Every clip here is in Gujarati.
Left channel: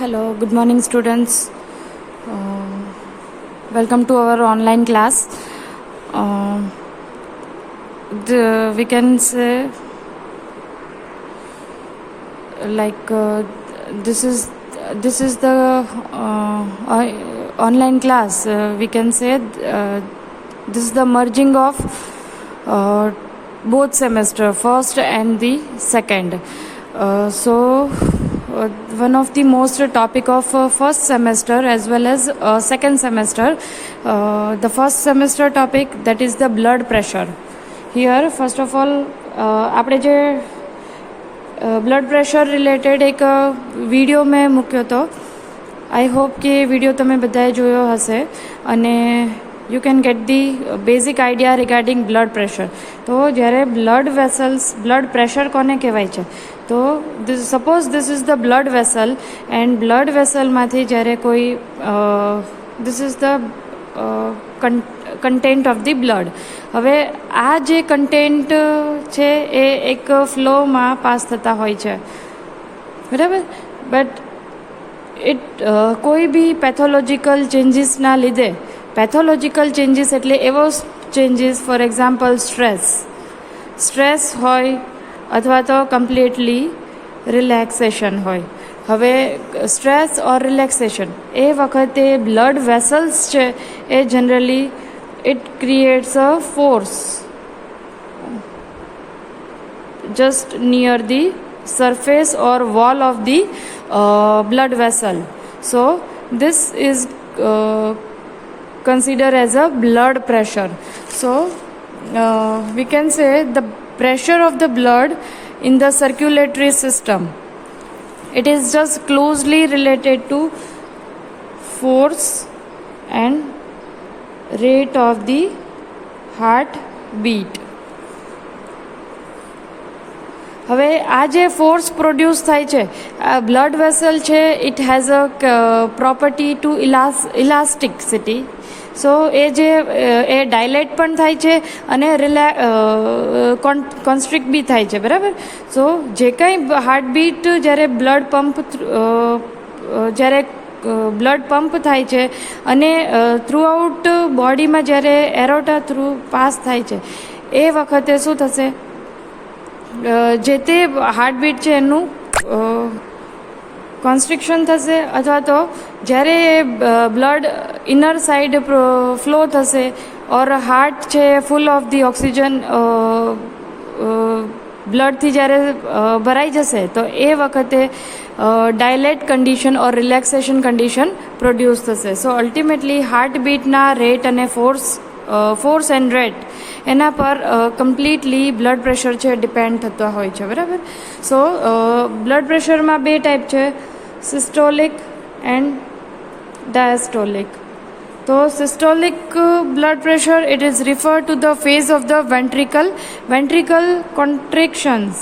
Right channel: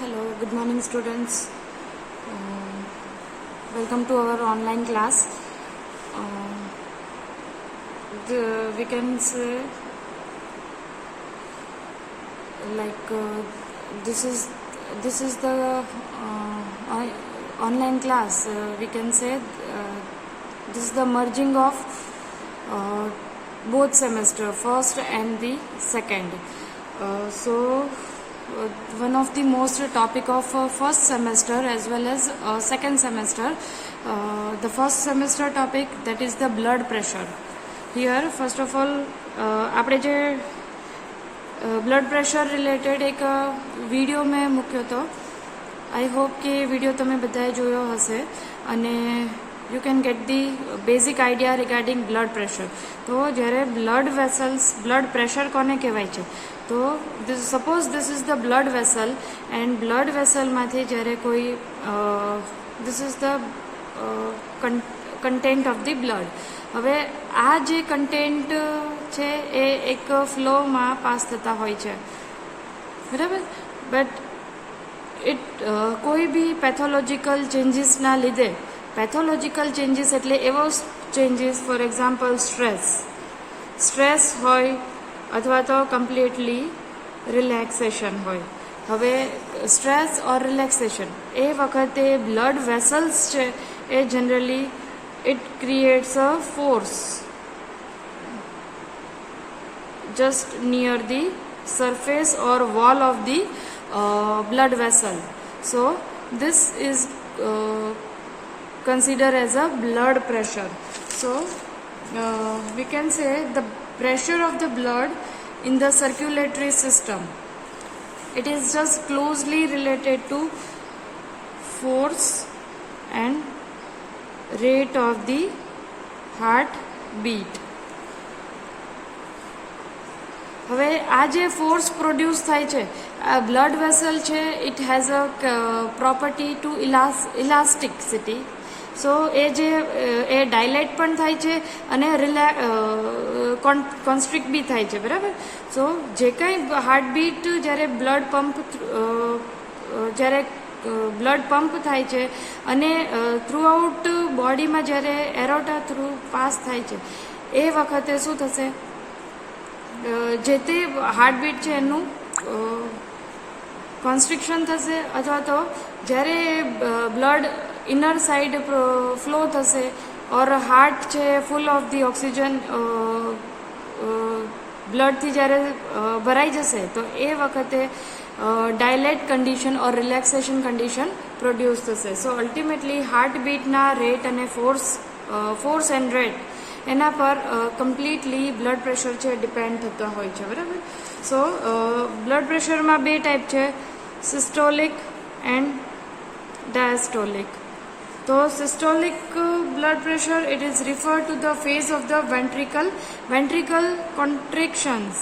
Hello, good morning, students. Welcome to our online class. We can say like this is the online class. We can say this is the merging of both semester, first and the second. One of the most topic of first semester as well as second semester, the first semester topic, that is the blood pressure. Here first of all આપણે જે બ્લડ પ્રેશર રિલેટેડ એક વિડીયો મેં મૂક્યો હતો. આઈ હોપ કે વિડીયો તમે બધાએ જોયો હશે અને you can get the basic idea regarding blood pressure. તો જ્યારે બ્લડ વેસલ્સ, બ્લડ પ્રેશર કોને કહેવાય છે? તો suppose this is the blood vessel and blood વેસલમાંથી જ્યારે કોઈ this is the content of the blood. હવે આ જે કન્ટેન્ટ છે એ એક ફ્લોમાં પાસ થતા હોય છે, બરાબર. બટ કોઈ બી પેથોલોજીકલ ચેન્જીસના લીધે, પેથોલોજીકલ ચેન્જીસ એટલે એવો ચેન્જીસ, ફોર એક્ઝામ્પલ સ્ટ્રેસ હોય અથવા તો કમ્પ્લીટલી રિલેક્સેશન હોય. હવે સ્ટ્રેસ ઓર રિલેક્સેશન એ વખતે બ્લડ વેસલ્સ છે એ generally it creates a force just near the surface or wall of the blood vessel. So this is considered as a blood pressure. So we can say the pressure of the blood in the circulatory system, it is just closely related to force and rate of the heart beat. હવે આ જે ફોર્સ પ્રોડ્યુસ થાય છે, આ બ્લડ વેસલ છે, it has a property to elasticity. So એ જે એ ડાયલેટ પણ થાય છે અને કોન્સ્ટ્રિક્ટ બી થાય છે, બરાબર. સો જે કંઈ હાર્ટબીટ જ્યારે બ્લડ પંપ થાય છે અને થ્રુઆઉટ બોડીમાં જ્યારે એરોટા થ્રુ પાસ થાય છે, એ વખતે શું થશે, જે તે હાર્ટબીટ છે એનું કોન્સ્ટ્રિક્શન થશે, અથવા તો જ્યારે બ્લડ ઇનર સાઈડ ફ્લો થશે ઓર હાર્ટ છે ફૂલ ઓફ ધી ઓક્સિજન બ્લડથી જ્યારે ભરાઈ જશે, તો એ વખતે ડાયલેટ કન્ડિશન ઓર રિલેક્સેશન કન્ડિશન પ્રોડ્યુસ થશે. સો અલ્ટિમેટલી હાર્ટબીટના રેટ અને ફોર્સ એન્ડ રેટ એના પર કમ્પ્લીટલી બ્લડ પ્રેશર છે ડિપેન્ડ થતા હોય છે, બરાબર. સો બ્લડ પ્રેશરમાં બે ટાઈપ છે, સિસ્ટોલિક એન્ડ ડાયસ્ટોલિક. તો systolic blood pressure, it is refer to the phase of the ventricle contractions,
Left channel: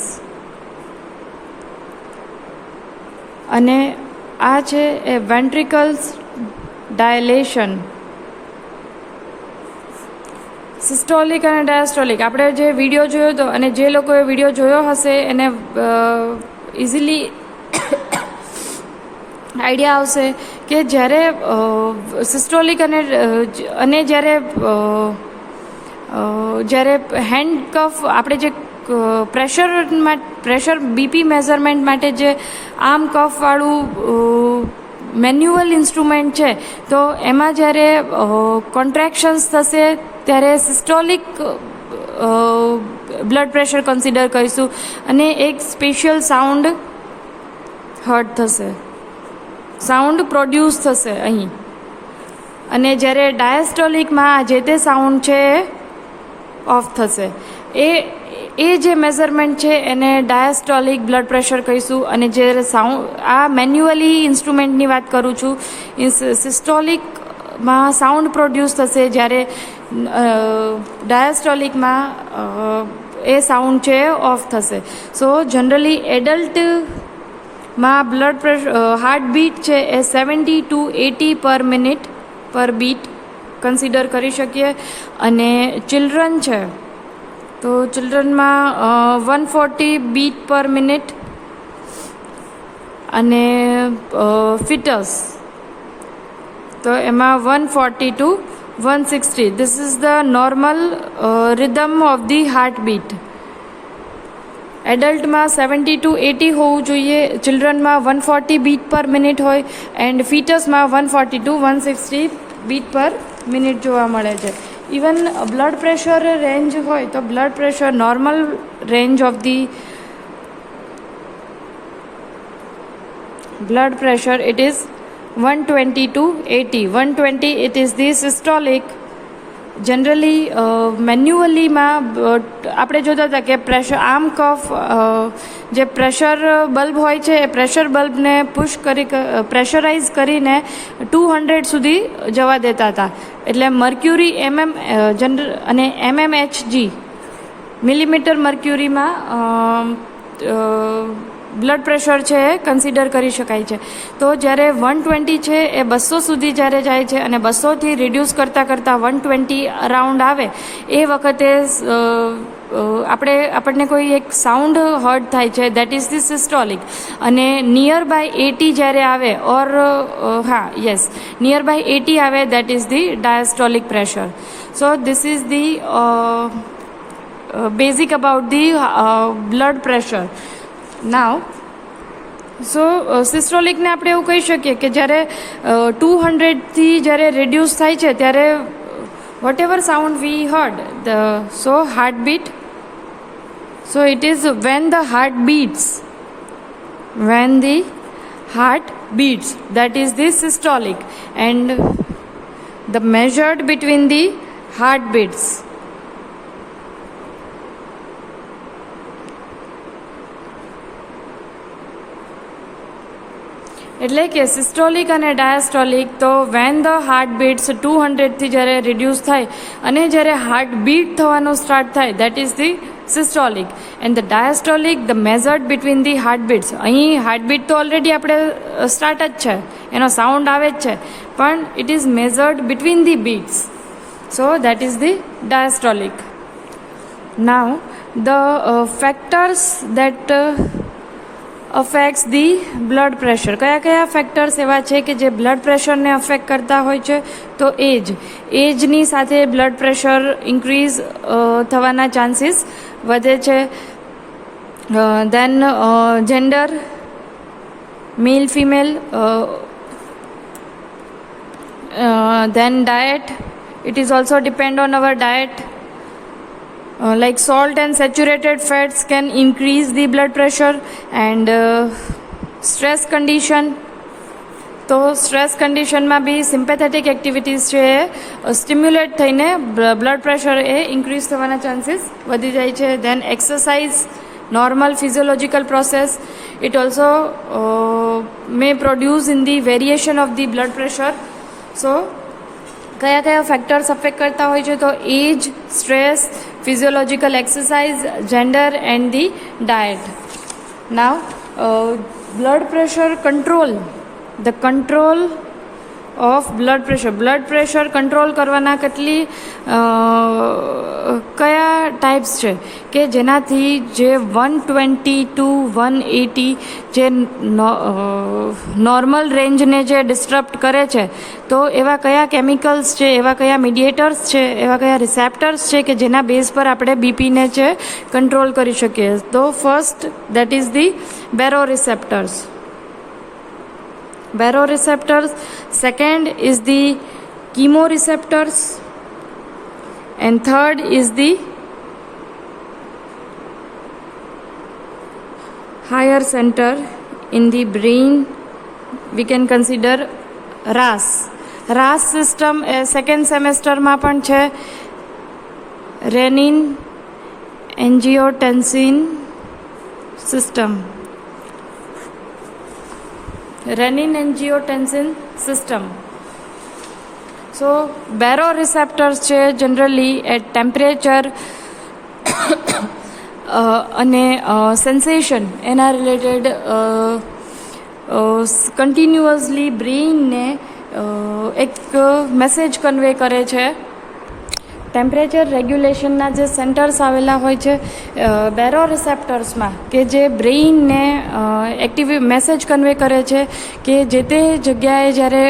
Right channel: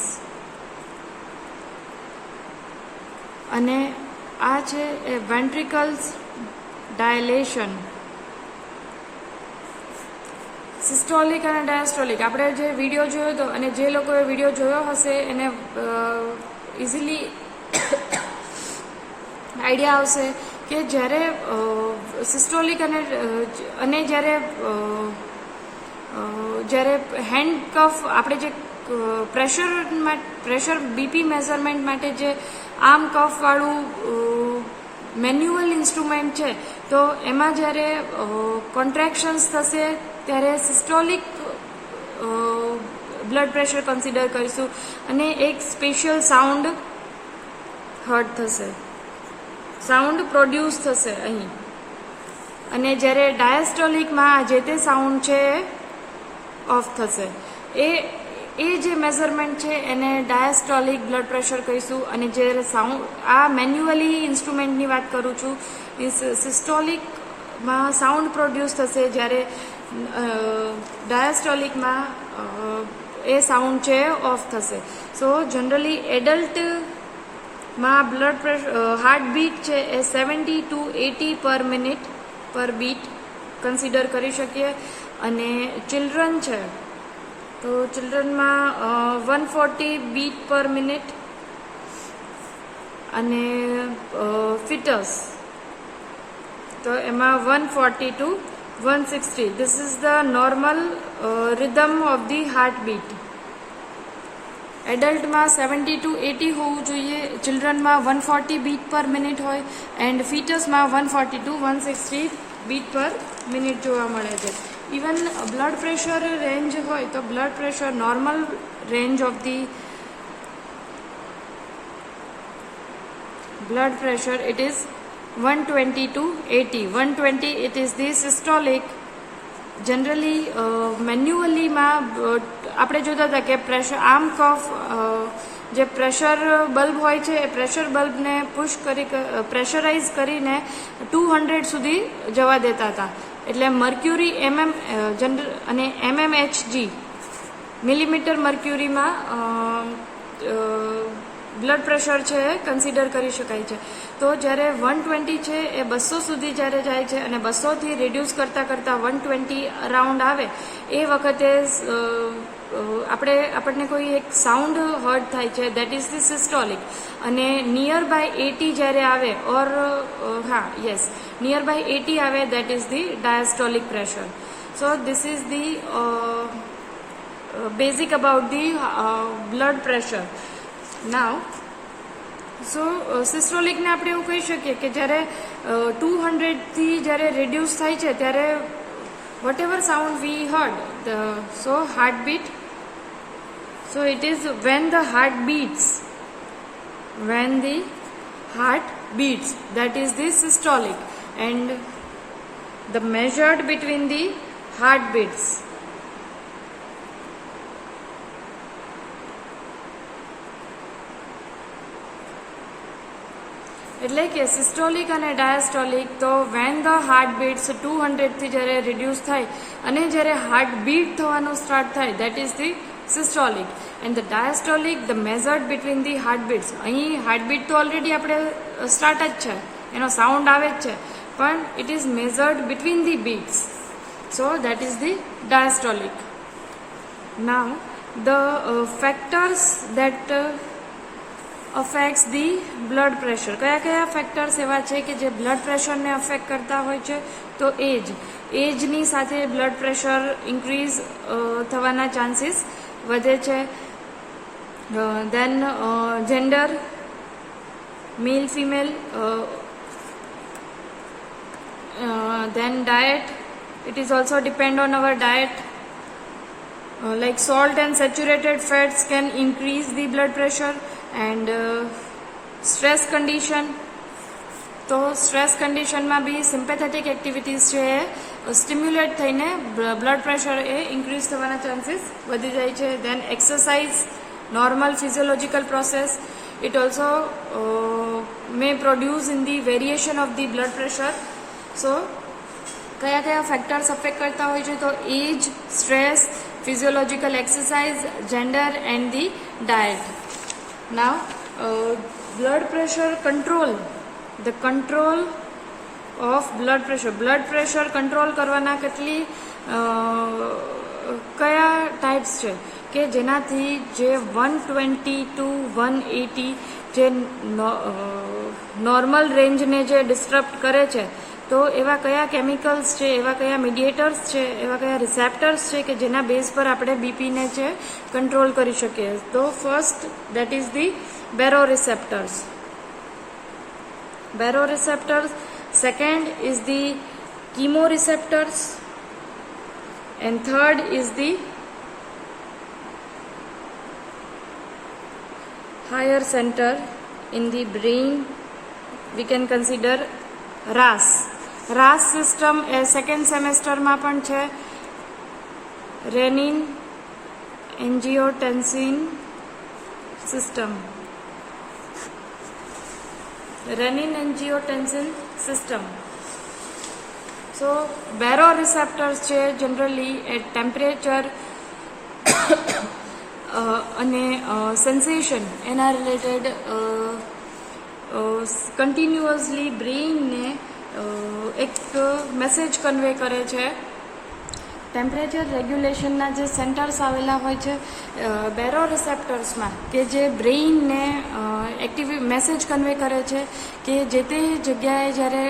અને આ છે એ વેન્ટ્રિકલ્સ ડાયલેશન. સિસ્ટોલિક અને ડાયસ્ટોલિક આપણે જે વિડીયો જોયો હતો, અને જે લોકોએ વિડીયો જોયો હશે એને ઇઝીલી આઈડિયા આવશે કે જ્યારે સિસ્ટોલિક અને જ્યારે હેન્ડ કફ, આપણે જે પ્રેશર બીપી મેઝરમેન્ટ માટે જે આમ કફવાળું મેન્યુઅલ ઇન્સ્ટ્રુમેન્ટ છે, તો એમાં જ્યારે કોન્ટ્રેક્શન્સ થશે ત્યારે સિસ્ટોલિક બ્લડ પ્રેશર કન્સિડર કરીશું, અને એક સ્પેશિયલ સાઉન્ડ હર્ટ થશે, સાઉન્ડ પ્રોડ્યુસ થશે અહીં. અને જ્યારે ડાયસ્ટોલિકમાં જે તે સાઉન્ડ છે ઓફ થશે. એ જે મેઝરમેન્ટ છે એને ડાયસ્ટોલિક બ્લડ પ્રેશર કહીશું. અને જ્યારે સાઉન્ડ, આ મેન્યુઅલી ઇન્સ્ટ્રુમેન્ટની વાત કરું છું, સિસ્ટોલિકમાં સાઉન્ડ પ્રોડ્યુસ થશે, જ્યારે ડાયસ્ટોલિકમાં એ સાઉન્ડ છે ઓફ થશે. સો જનરલી એડલ્ટમાં બ્લડ પ્રેશર, હાર્ટબીટ છે એ 70 to 80 પર મિનિટ પર બીટ કન્સિડર કરી શકીએ. અને ચિલ્ડ્રન છે તો ચિલ્ડ્રનમાં 140 બીટ પર મિનિટ અને ફિટસ તો એમાં 140 to 160. This is the normal rhythm of the heartbeat. એડલ્ટમાં 70 to 80 હોવું જોઈએ, ચિલ્ડ્રનમાં 140 બીટ પર મિનિટ હોય એન્ડ ફિટસમાં 140 to 160 બીટ પર મિનિટ જોવા મળે છે. ઇવન બ્લડ પ્રેશર રેન્જ હોય તો blood pressure normal range of the blood pressure it is 120 to 80. 120 it is the systolic. Generally મેન્યુઅલીમાં આપણે જોતા હતા કે પ્રેશર આર્મ કફ જે પ્રેશર બલ્બ હોય છે એ પ્રેશર બલ્બને પુશ કરી પ્રેશરાઇઝ કરીને 200 સુધી જવા દેતા હતા. એટલે મર્ક્યુરી અને mmHg મિલીમીટર મર્ક્યુરીમાં બ્લડ પ્રેશર છે એ કન્સિડર કરી શકાય છે. તો જ્યારે 120 છે એ 200 સુધી જ્યારે જાય છે અને 200થી રિડ્યુસ કરતાં 120 અરાઉન્ડ આવે એ વખતે આપણને કોઈ એક સાઉન્ડ હર્ટ થાય છે, દેટ ઇઝ ધી સિસ્ટોલિક. અને નિયર બાય 80 જ્યારે આવે નિયર બાય 80 આવે that is the diastolic pressure. So this is the basic about the blood pressure. Now સિસ્ટોલિકને આપણે એવું કહી શકીએ કે જ્યારે 200થી જ્યારે રિડ્યુસ થાય છે ત્યારે whatever sound we heard heartbeat it is when the heart beats that is the systolic and the measured between the heartbeats. એટલે કે સિસ્ટોલિક અને ડાયાસ્ટોલિક તો વેન ધ હાર્ટ બીટ્સ 200થી જ્યારે રિડ્યુસ થાય અને જ્યારે હાર્ટ બીટ થવાનું સ્ટાર્ટ થાય that is the systolic. And the diastolic the measured between the heartbeats. અહીં હાર્ટબીટ તો ઓલરેડી આપણે સ્ટાર્ટ જ છે, એનો સાઉન્ડ આવે જ છે, પણ it is measured between the beats. So that is the diastolic. Now the factors that affects the blood pressure. કયા કયા ફેક્ટર્સ એવા છે કે જે બ્લડ પ્રેશરને અફેક્ટ કરતા હોય છે? તો એજની સાથે બ્લડ પ્રેશર ઇન્ક્રીઝ થવાના ચાન્સીસ વધે છે. Then gender, male female. Then diet, it is also depend on our diet. Like salt and saturated fats can increase the blood pressure and stress condition. તો સ્ટ્રેસ કન્ડિશનમાં બી સિમ્પેથેટિક એક્ટિવિટીઝ છે સ્ટિમ્યુલેટ થઈને બ્લડ પ્રેશર એ ઇન્ક્રીઝ થવાના ચાન્સીસ વધી જાય છે. Then exercise, normal physiological process, it also may produce in the variation of the blood pressure. So કયા કયા ફેક્ટર્સ અફેક્ટ કરતા હોય છે? તો age, stress, physiological exercise, gender and the diet. Now blood pressure control, the control of blood pressure control કરવાના કેટલી કયા ટાઈપ્સ છે કે જેનાથી જે 120 to 180 જે નોર્મલ રેન્જને જે ડિસ્ટર્બ કરે છે, તો એવા કયા કેમિકલ્સ છે, એવા કયા મીડિયેટર્સ છે, એવા કયા રિસેપ્ટર્સ છે કે જેના બેઝ પર આપણે બીપીને છે કંટ્રોલ કરી શકીએ? તો first that is the baroreceptors. Second is the chemoreceptors and third is the higher center in the brain. We can consider RAS system. Second semester માં પણ છે renin angiotensin system. So baroreceptors છે જનરલી એટ ટેમ્પરેચર અને સેન્સેશન એના રિલેટેડ કન્ટિન્યુઅસલી બ્રેઇનને એક મેસેજ કન્વે કરે છે. ટેમ્પરેચર રેગ્યુલેશનના જે સેન્ટર્સ આવેલા હોય છે બેરો રિસેપ્ટર્સમાં, કે જે બ્રેઇનને મેસેજ કન્વે કરે છે કે જે તે જગ્યાએ જ્યારે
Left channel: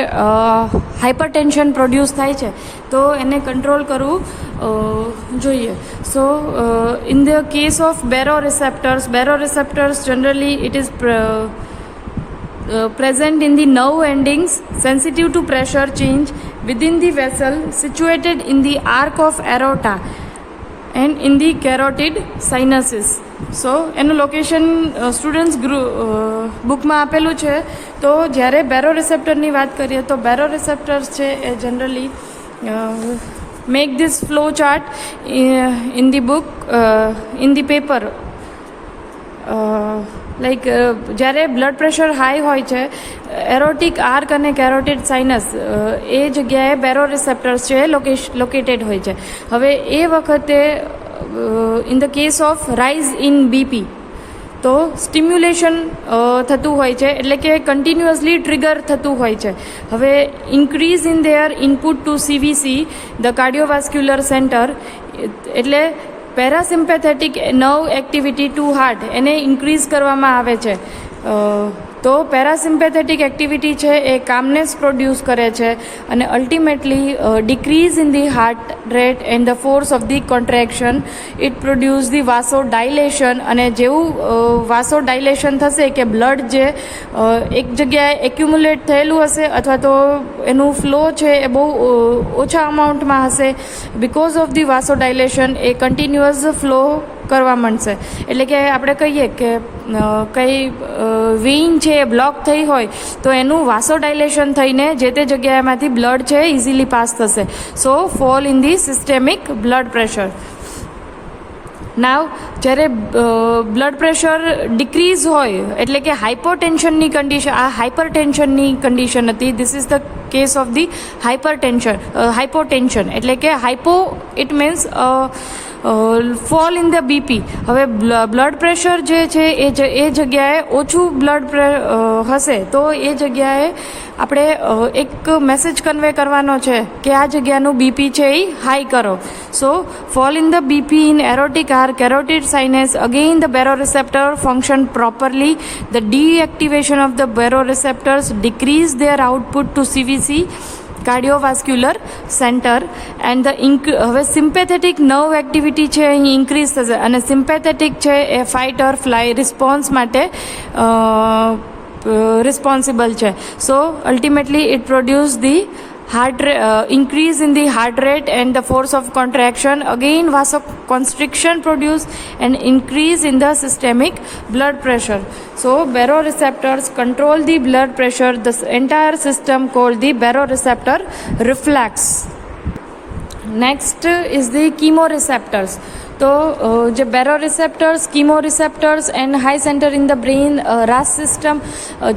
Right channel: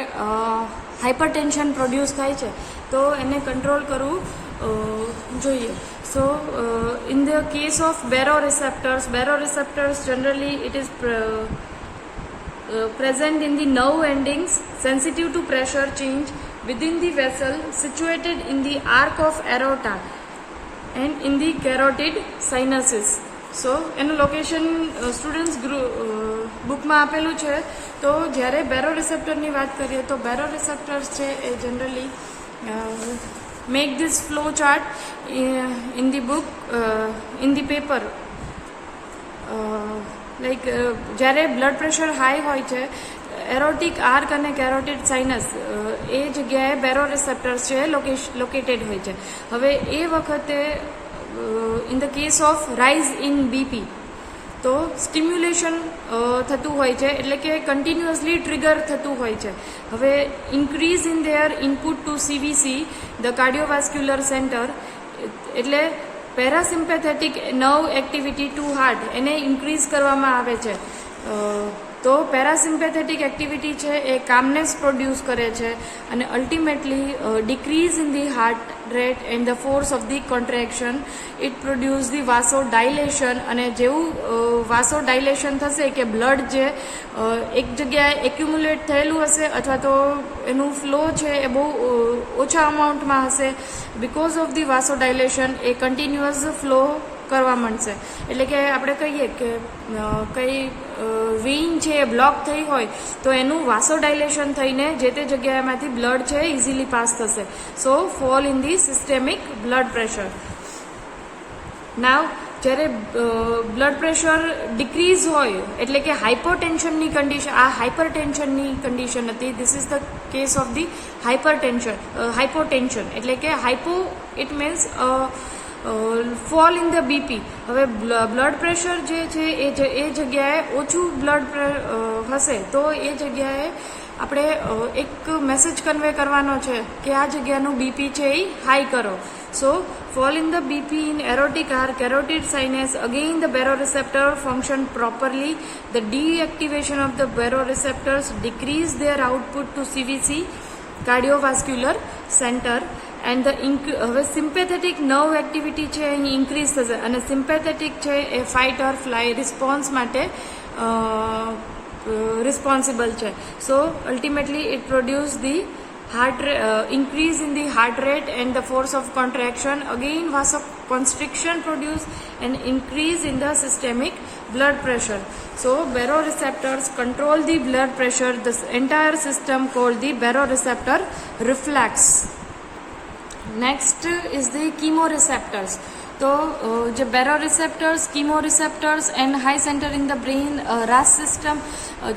હાઇપરટેન્શન પ્રોડ્યુસ થાય છે તો એને કંટ્રોલ કરવું જોઈએ. So in the case of baroreceptors generally it is present in the nerve endings sensitive to pressure change within the vessel situated in the arc of aorta and in the carotid sinuses. સો એનું લોકેશન સ્ટુડન્ટ્સ બુકમાં આપેલું છે. તો જ્યારે બેરો રિસેપ્ટરની વાત કરીએ તો બેરો રિસેપ્ટર્સ છે એ generally make this flow chart in the book in the paper. Like જ્યારે બ્લડ પ્રેશર હાઈ હોય છે, એરોટિક આર્ક અને કેરોટિડ સાઇનસ એ જગ્યાએ બેરો રિસેપ્ટર્સ છે લોકેટેડ હોય છે. હવે એ વખતે in the case of rise in BP તો સ્ટિમ્યુલેશન થતું હોય છે, એટલે કે કન્ટિન્યુઅસલી ટ્રિગર થતું હોય છે. હવે increase in their input to CVC the cardiovascular centre, એટલે parasympathetic nerve activity to heart એને ઇન્ક્રીઝ કરવામાં આવે છે. તો પેરાસિમ્પેથેટિક એક્ટિવિટી છે એ કામનેસ પ્રોડ્યુસ કરે છે અને ultimately decrease in the heart rate and the force of the contraction it produce the vasodilation. અને જેવું વાસો ડાયલેશન થશે કે બ્લડ જે એક જગ્યાએ એક્યુમ્યુલેટ થયેલું હશે અથવા તો એનું ફ્લો છે એ બહુ ઓછા અમાઉન્ટમાં હશે, because of the vasodilation એ કન્ટિન્યુઅસ ફ્લો કરવા માંડશે. એટલે કે આપણે કહીએ કે કંઈ વેઇન છે એ બ્લોક થઈ હોય તો એનું વાસો ડાયલેશન થઈને જે તે જગ્યાએમાંથી બ્લડ છે ઇઝીલી પાસ થશે. So fall in the systemic blood pressure. Now જ્યારે બ્લડ પ્રેશર ડિક્રીઝ હોય એટલે કે હાઇપોટેન્શનની કન્ડિશન, આ હાઇપરટેન્શનની કન્ડિશન હતી. This is the case of the hypotension, એટલે કે hypo it means fall in the BP. હવે બ્લડ પ્રેશર જે છે એ જગ્યાએ ઓછું બ્લડ હશે તો એ જગ્યાએ આપણે એક મેસેજ કન્વે કરવાનો છે કે આ જગ્યાનું બીપી છે એ હાઈ કરો. So fall in the BP in aortic arch, carotid sinus, again the baroreceptor function properly, the deactivation of the baroreceptors decrease their output to CVC cardiovascular centre and હવે સિમ્પેથેટિક નર્વ એક્ટિવિટી છે અહીં ઇન્ક્રીઝ થશે અને સિમ્પેથેટિક છે એ ફાઇટ ઓર ફ્લાય રિસ્પોન્સ માટે રિસ્પોન્સિબલ છે. So ultimately it produce the increase in the heart rate and the force of contraction, again vasoconstriction produce and increase in the systemic blood pressure. So baroreceptors control the blood pressure, this entire system called the baroreceptor reflex. Next is the chemoreceptors. तो जो baroreceptors, chemoreceptors and high centre in the brain RAS system,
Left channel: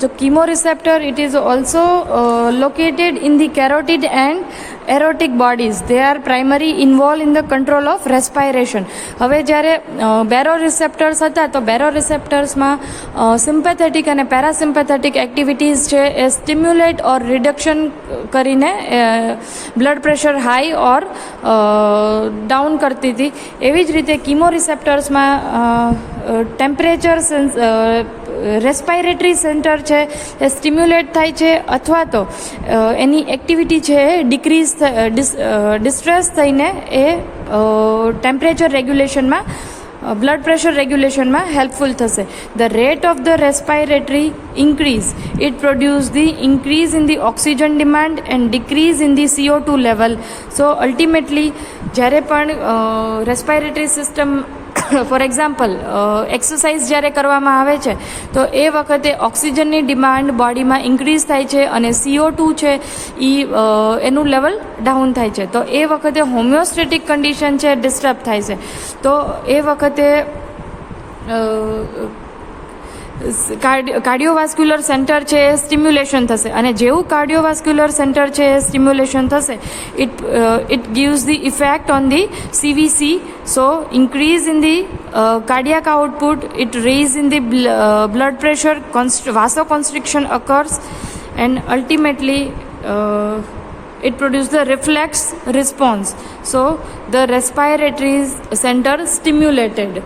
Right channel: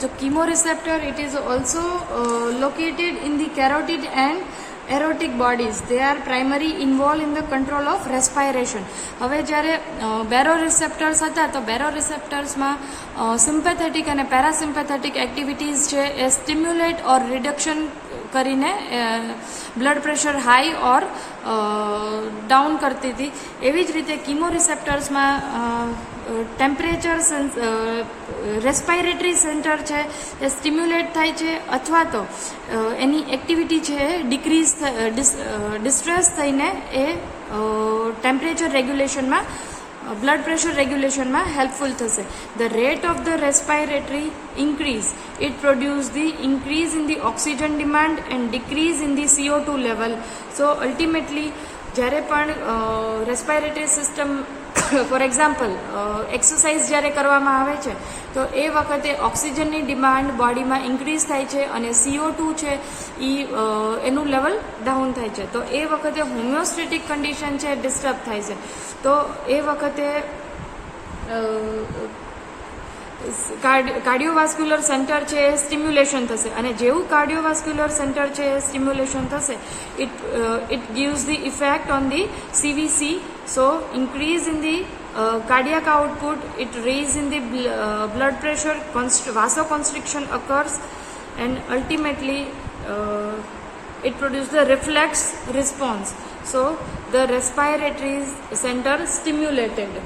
जो chemoreceptor it is also located in the carotid and aortic bodies. They are primary involve in the control of respiration. હવે જ્યારે બેરો રિસેપ્ટર્સ હતા તો બેરો રિસેપ્ટર્સમાં સિમ્પેથેટિક અને પેરાસિમ્પેથેટિક એક્ટિવિટીઝ છે એ સ્ટિમ્યુલેટ ઓર રિડક્શન કરીને બ્લડ પ્રેશર હાઈ ઓર ડાઉન કરતી હતી. એવી જ રીતે કીમો રિસેપ્ટર્સમાં ટેમ્પરેચર રેસ્પાયરેટરી સેન્ટર છે એ સ્ટિમ્યુલેટ થાય છે અથવા તો એની એક્ટિવિટી છે એ ડિસ્ટ્રેસ થઈને એ ટેમ્પરેચર રેગ્યુલેશનમાં, બ્લડ પ્રેશર રેગ્યુલેશનમાં હેલ્પફુલ થશે. The rate of the respiratory increase it produce the increase in the oxygen demand and decrease in the CO2 level. So ultimately જ્યારે પણ respiratory system for example exercise જ્યારે કરવામાં આવે છે તો એ વખતે ઓક્સિજનની ડિમાન્ડ બોડીમાં ઇન્ક્રીઝ થાય છે અને CO2 છે એ એનું લેવલ ડાઉન થાય છે. તો એ વખતે હોમિયોસ્ટેટિક કન્ડિશન છે ડિસ્ટર્બ થાય છે. તો એ વખતે કાર્ડિયોવાસ્ક્યુલર સેન્ટર છે એ સ્ટિમ્યુલેશન થશે અને જેવું કાર્ડિયોવાસ્ક્યુલર સેન્ટર છે એ સ્ટિમ્યુલેશન થશે it gives the effect on the CVC. So increase in the cardiac output, it raise in the blood pressure, vasoconstriction occurs and ultimately it produces the reflex response. So the respiratory center stimulated.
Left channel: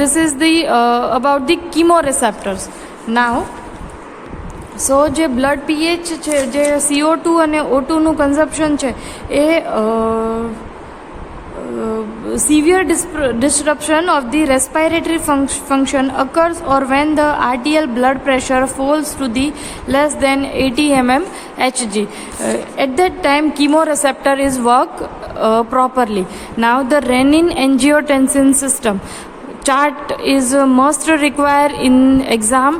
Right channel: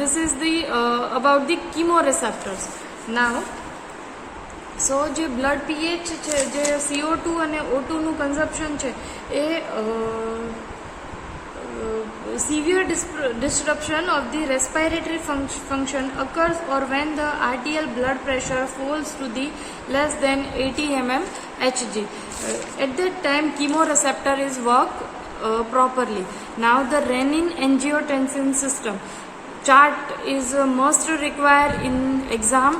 This is the about the chemoreceptors. Now, સો જે બ્લડ પીએચ છે, જે CO2 અને O2નું કન્ઝપ્શન છે, એ severe disruption of the respiratory function occurs or when the arterial blood pressure falls to the less than 80 mm Hg. At that time chemoreceptor is work properly. Now the renin-angiotensin system chart is must require in exam.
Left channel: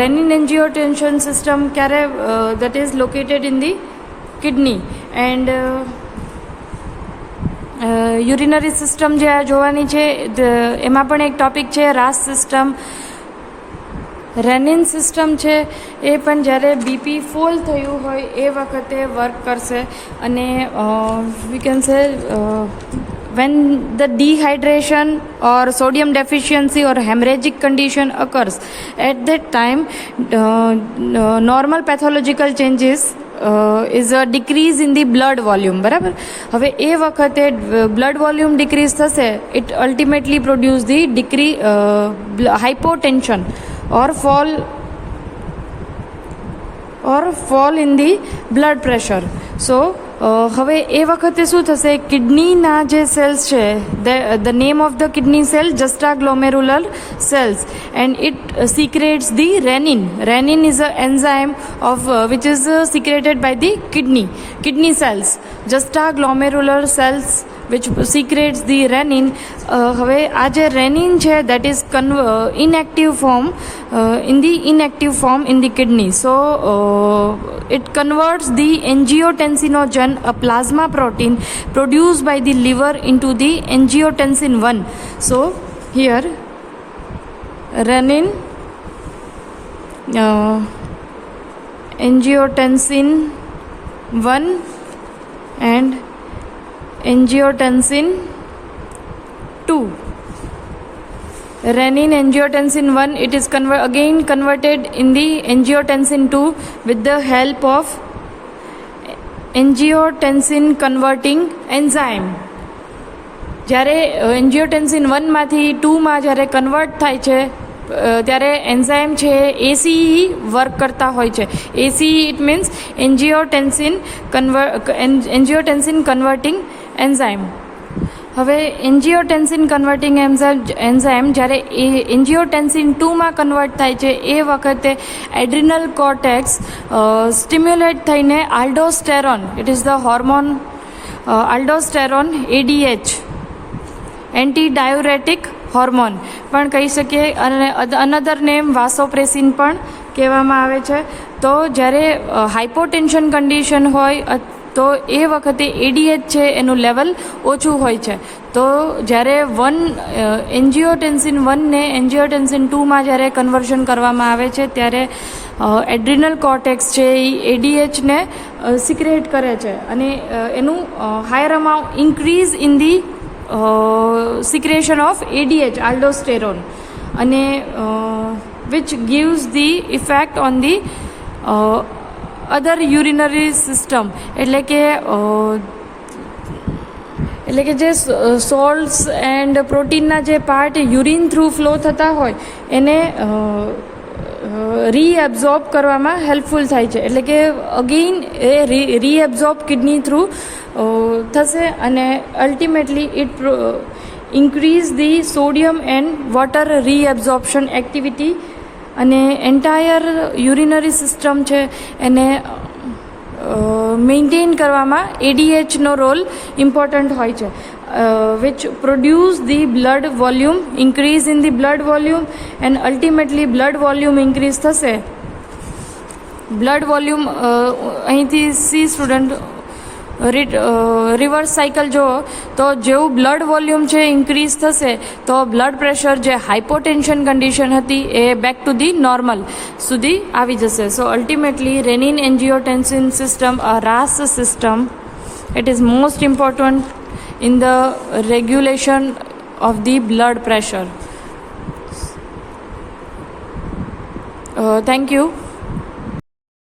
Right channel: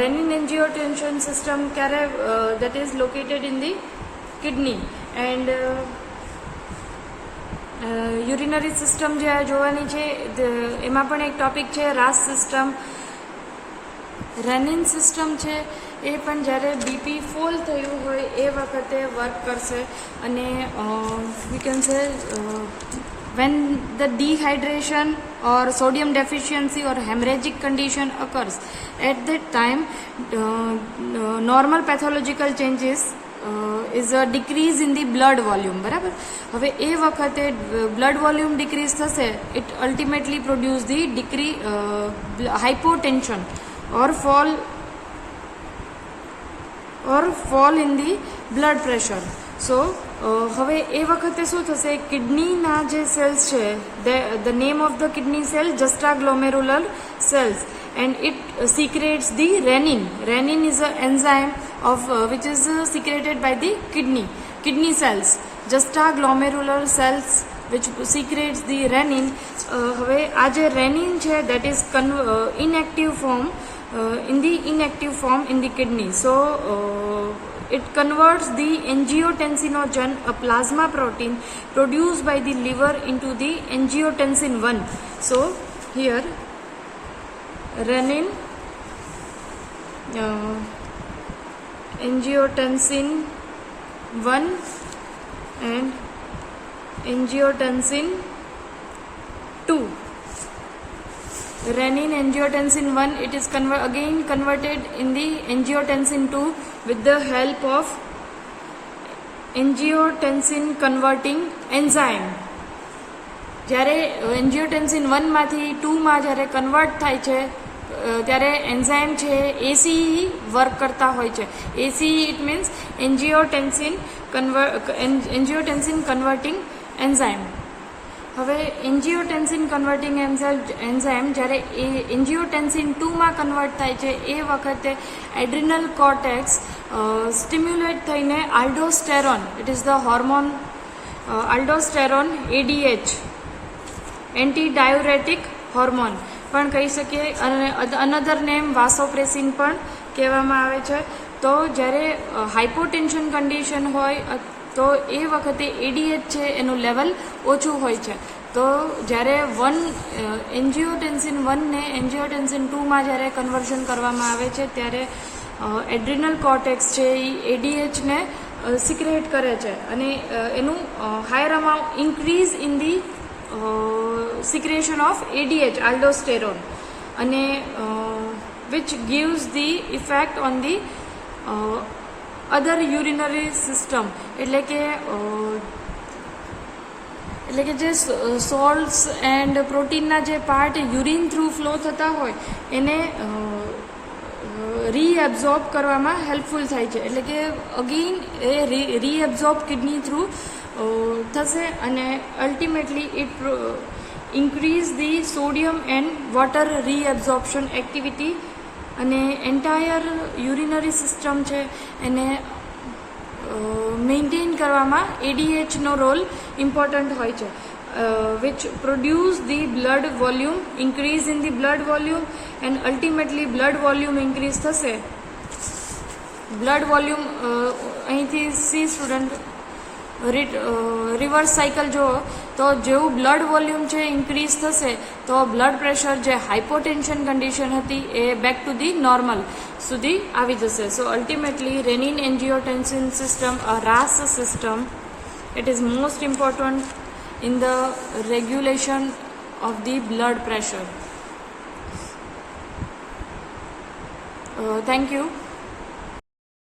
Renin-angiotensin system that is located in the kidney, and urinary system જે આ જોવાની છે, એમાં પણ એક ટોપિક છે રાસ સિસ્ટમ. રેનિન સિસ્ટમ છે એ પણ જ્યારે બીપી ફૂલ થયું હોય એ વખતે વર્ક કરશે. અને we can say when the dehydration or sodium deficiency or hemorrhagic condition occurs, at that time normal pathological changes is a decrease in the blood volume. બરાબર. હવે એ વખતે blood volume decrease થશે, it ultimately produce the hypotension or fall in the blood pressure. So હવે એ વખતે શું થશે, કિડનીના જે સેલ્સ છે, the name of the kidney cell juxtaglomerular cells, and it secretes the renin. Renin is an enzyme of which is secreted by the kidney cells, juxtaglomerular cells which secretes the renin. હવે આ જે renin છે, that is inactive form in the kidney. So it converts the angiotensinogen, a plasma protein produced by the liver, into the angiotensin 1. So here renin, angiotensin 1 and angiotensin 2. Renin angiotensin 1, it is again converted in the angiotensin 2 with the help of angiotensin converting enzyme. જ્યારે angiotensin 1 માંથી 2 માં જ્યારે કન્વર્ટ થાય છે, ત્યારે એન્ઝાઇમ છે ACE વર્ક કરતા હોય છે. ACE it means angiotensin converting enzyme. હવે એન્જિયોટેન્સિન કન્વર્ટિંગ એન્ઝાઇમ જ્યારે એ એન્જિયોટેન્સિન 2માં કન્વર્ટ થાય છે, એ વખતે એડ્રિનલ કોર્ટેક્સ સ્ટિમ્યુલેટ થઈને aldosterone, it is the hormone aldosterone ADH, anti diuretic hormone પણ કહી શકીએ, અને અનધર નેમ વાસોપ્રેસિન પણ કહેવામાં આવે છે. તો જ્યારે હાઇપોટેન્શન કન્ડિશન હોય તો એ વખતે ADH છે એનું લેવલ ઓછું હોય છે. તો જ્યારે એન્જિયોટેન્સિન 1ને એન્જિયોટેન્સિન 2માં જ્યારે કન્વર્ઝન કરવામાં આવે છે, ત્યારે એડ્રિનલ કોર્ટેક્સ છે એ ADHને સિક્રેટ કરે છે, અને એનું higher amount increase in the secretion of ADH, aldosterone, અને which gives the effect on the other urinary system. એટલે કે જે સોલ્ટ્સ એન્ડ પ્રોટીનના જે પાર્ટ યુરિન થ્રુ ફ્લો થતા હોય એને રીએબ્ઝોર્બ કરવામાં હેલ્પફુલ થાય છે. એટલે કે અગેઇન એ રીએબ્ઝોર્બ કિડની થ્રુ થશે, અને ultimately it increase the sodium and water reabsorption activity, અને એન્ટાયર યુરિનરી સિસ્ટમ છે એને મેન્ટેન કરવામાં ADHનો રોલ ઇમ્પોર્ટન્ટ હોય છે, which produce the blood volume, increase in the blood volume, and ultimately blood volume increase થશે. blood volume અહીંથી C સ્ટુડન્ટ રિવર્સ સાયકલ જુઓ તો જેવું બ્લડ વોલ્યુમ છે ઇન્ક્રીઝ થશે તો બ્લડ પ્રેશર જે હાઇપોટેન્શન કન્ડિશન હતી એ બેક ટુ ધી નોર્મલ સુધી આવી જશે. So ultimately renin angiotensin system, a RAS system, it is most important in the regulation of the blood pressure. Thank you.